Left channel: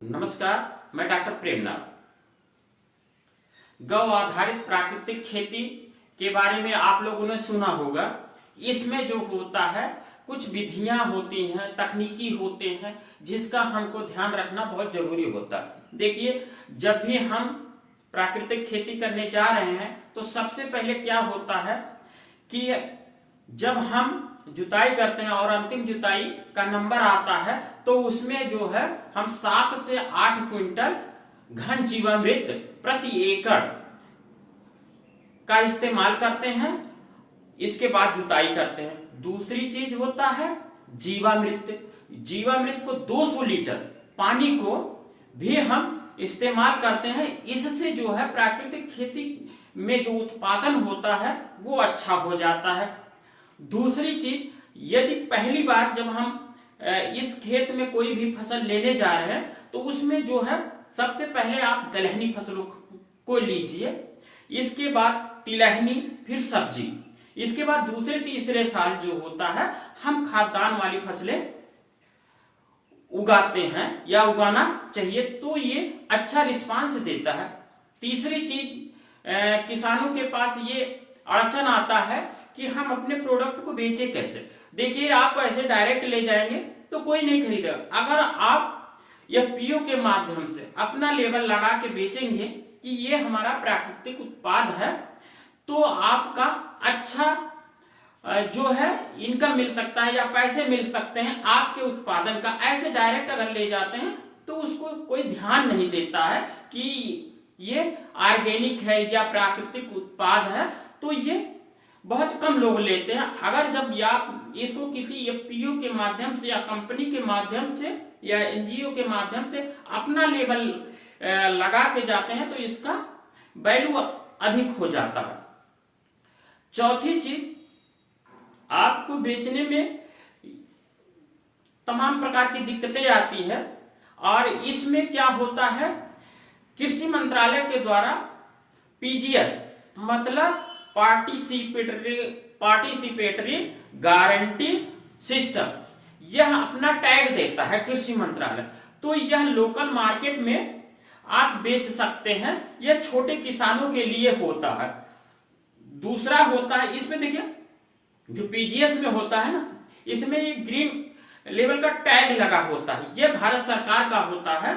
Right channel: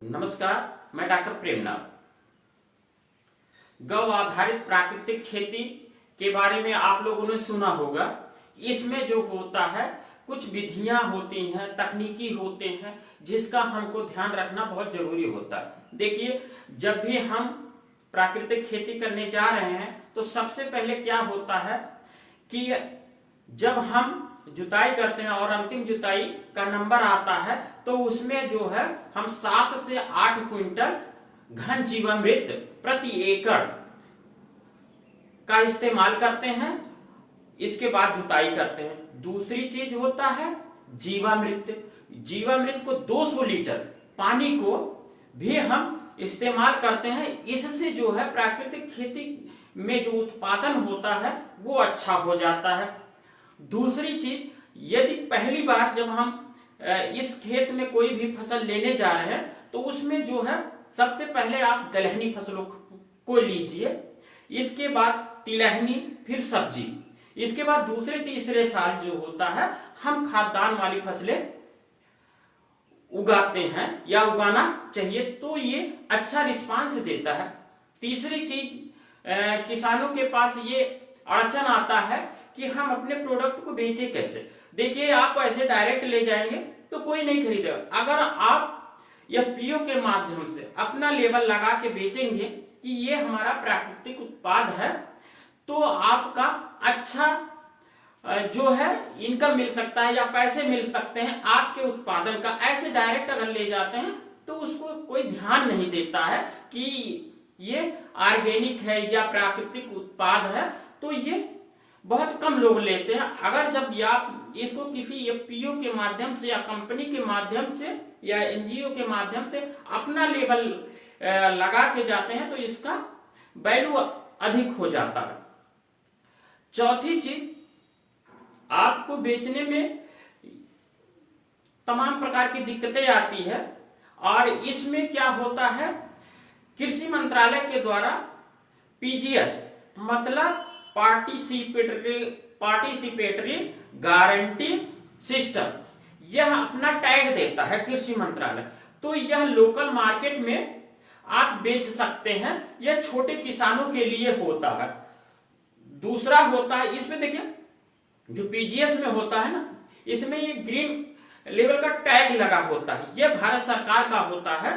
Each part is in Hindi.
नमस्कार, मैं डॉक्टर प्रेमनाथ। गौ आधारित प्राकृतिक खेती के बारे में आप लोगों ने सुना होगा। इसमें जो होता है कुछ विधियां होती हैं, तकनीकी होते हैं, जिसका हमको ध्यान रखना बहुत जरूरी होता है। देखिए, जब भी हम प्राकृतिक खेती करने जा रहे हैं तो सबसे पहले क्या होता है कि जब हम जुताई करते हैं और अंतिम जुताई का नंबर आता है तो उसमें जो है हम 7 से 8 क्विंटल घन जीवामृत प्रति एकड़ का इस्तेमाल करते हैं। इसके बाद जुताई करते हैं। दूसरी चीज होता है जीवामृत। जीवामृत को 200 लीटर पानी को भी हम इस्तेमाल करते हैं। इससे जो है प्राकृतिक खेती में जो उत्पादन होता है वो अच्छा हो जाता है। दूसरी चीज, यदि पहली बार जब हम इस खेत में कोई भी फसल लेने जा रहे हैं तो उसमें जो है सबसे पहले आप दलहनी फसलों को लीजिए, इसके बाद तिलहनी, फिर सब्जी, इसके बाद दूसरे तीसरे साल जो होता है हम खाद्यान्न वाली फसलें उगाते हैं या उगाना चाहिए, तो ये अच्छा रिस्पांस देता है। तीसरी चीज, किसानों के पास ये अड़चन आता है कि हम अपने प्रोडक्ट को बेचे कैसे। देखिए, आप ऐसे डायरेक्ट ले जाएंगे तो कोई नहीं खरीदेगा। अगर आप एफपीओ के माध्यम से अपना लेबल लगा के बेचेंगे कि ये हमारा प्राकृतिक उत्पाद है, तो आपका अच्छा जो है इनकम मिल सकता है या पैसे मिल सकते हैं आपके उत्पादन का। ऐसे डायरेक्ट अगर ले जाते हैं तो उसको कोई ध्यान नहीं देता है कि ये ऑर्गेनिक है या प्राकृतिक उत्पाद है, तो ये बहुत कम लोग लेते हैं। अगर जब आप इसको किसी एफपीओ के माध्यम से या कंपनी के माध्यम से या एनजीओ के माध्यम से अपना लेबल लगा के जाते हैं तो इसका वैल्यू अधिक हो जाता है। चौथी चीज, आपको बेचने में तमाम प्रकार की दिक्कतें आती है और इसमें क्या होता है, कृषि मंत्रालय के द्वारा पीजीएस मतलब पार्टिसिपेटरी गारंटी सिस्टम, यह अपना टैग देता है कृषि मंत्रालय। तो यह लोकल मार्केट में आप बेच सकते हैं। यह छोटे किसानों के लिए होता है। दूसरा होता है, इसमें देखिए जो पीजीएस में होता है ना, इसमें एक ग्रीन लेवल का टैग लगा होता है, यह भारत सरकार का होता है।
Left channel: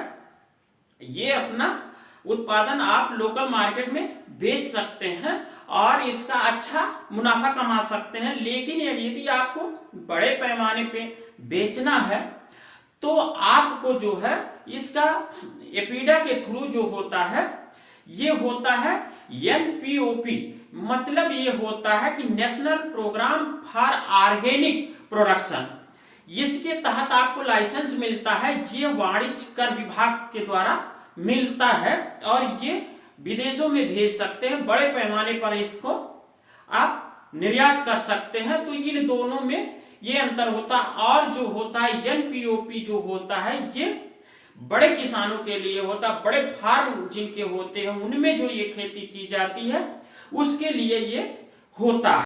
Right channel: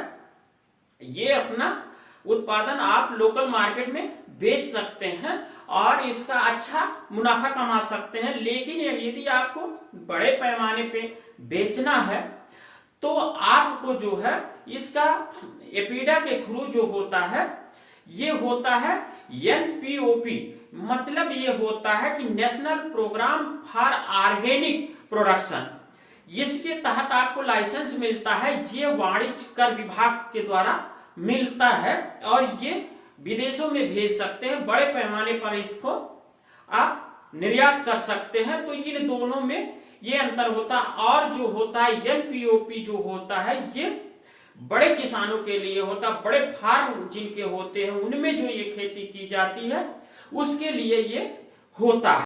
ये अपना उत्पादन आप लोकल मार्केट में बेच सकते हैं और इसका अच्छा मुनाफा कमा सकते हैं। लेकिन यदि आपको बड़े पैमाने पे बेचना है तो आपको जो है इसका एपीडा के थ्रू जो होता है ये होता है एनपीओपी, मतलब ये होता है कि national programme for organic production. इसके तहत आपको लाइसेंस मिलता है। ये वाणिज्य कर विभाग के द्वारा मिलता है और ये विदेशों में भेज सकते हैं। बड़े पैमाने पर इसको आप निर्यात कर सकते हैं। तो इन दोनों में ये अंतर होता है। और जो होता है एनपीओपी जो होता है ये बड़े किसानों के लिए होता है। बड़े फार्म जिनके होते हैं उनमें जो ये खेती की जाती है उसके लिए ये होता है।